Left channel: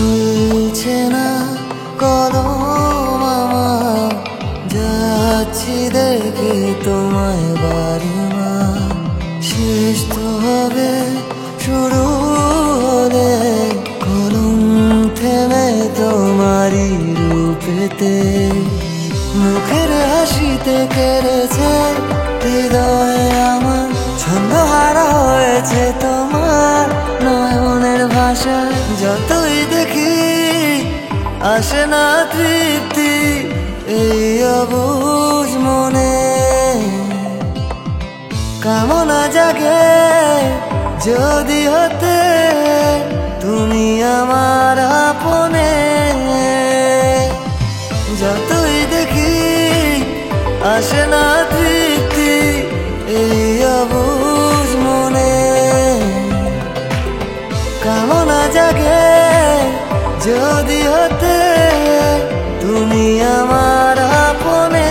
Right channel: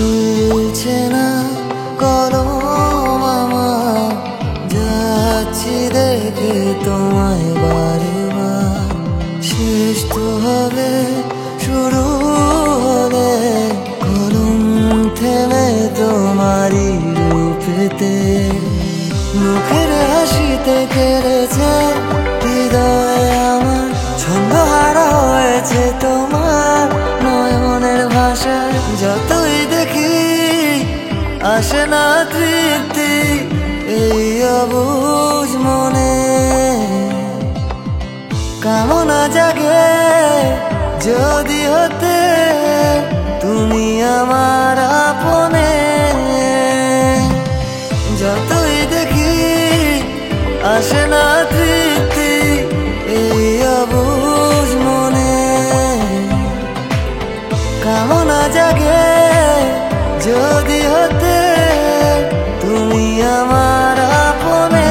চলছে না কলম আমার, যাচ্ছি দেখে তোমায় বারবার। শেষ তো হবে শুরু হলে, কলম থেমে তোমারই রূপেতে। মুখের হাসিতে কেড়েছে হৃদয় আমার, ছন্দহারা হয়েছে তোমার নয়নের ভাষায়। যতই দেখি আসে না তৃপ্তি এই অবুঝ মনে, কামনা জাগে যদি হতে তুমি আমার আপনে। যতই দেখি আসে না তৃপ্তি এই অবুঝ মনে, কামনা জাগে যদি হতে তুমি আমার আপনে।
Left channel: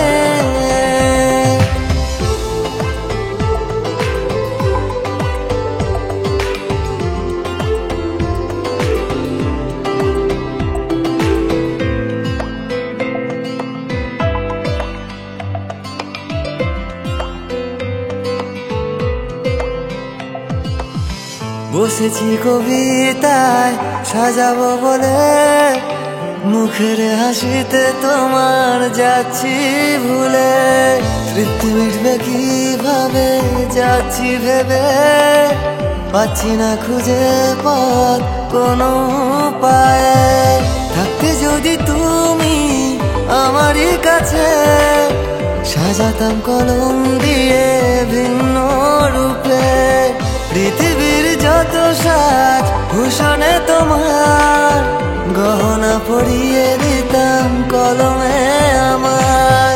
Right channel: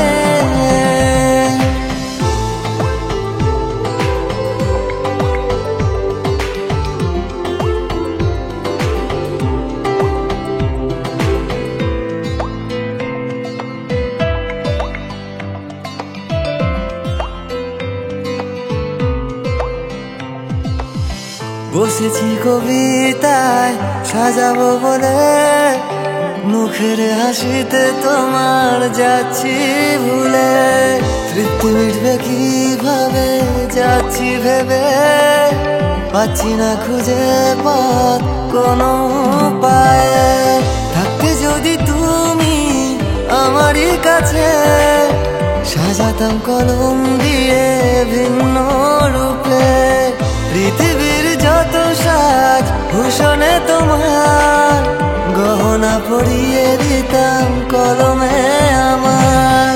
বসেছি কবিতায় সাজাবো বলে, মুখের হাসিতে তোমার যাচ্ছি ভুলে। তৃপ্তি মিটবে কিভাবে যাচ্ছি ভেবে, পাচ্ছি না খুঁজে পথ কোনো উপায়ে। থাকতে যদি তুমি আমারই কাছে, সাজাতাম কলম দিয়ে ভিন্ন রূপে। পৃথিবীর যত সাজ ভূষণে তোমার, গহনা পরিয়ে দিতাম কলমে আমার।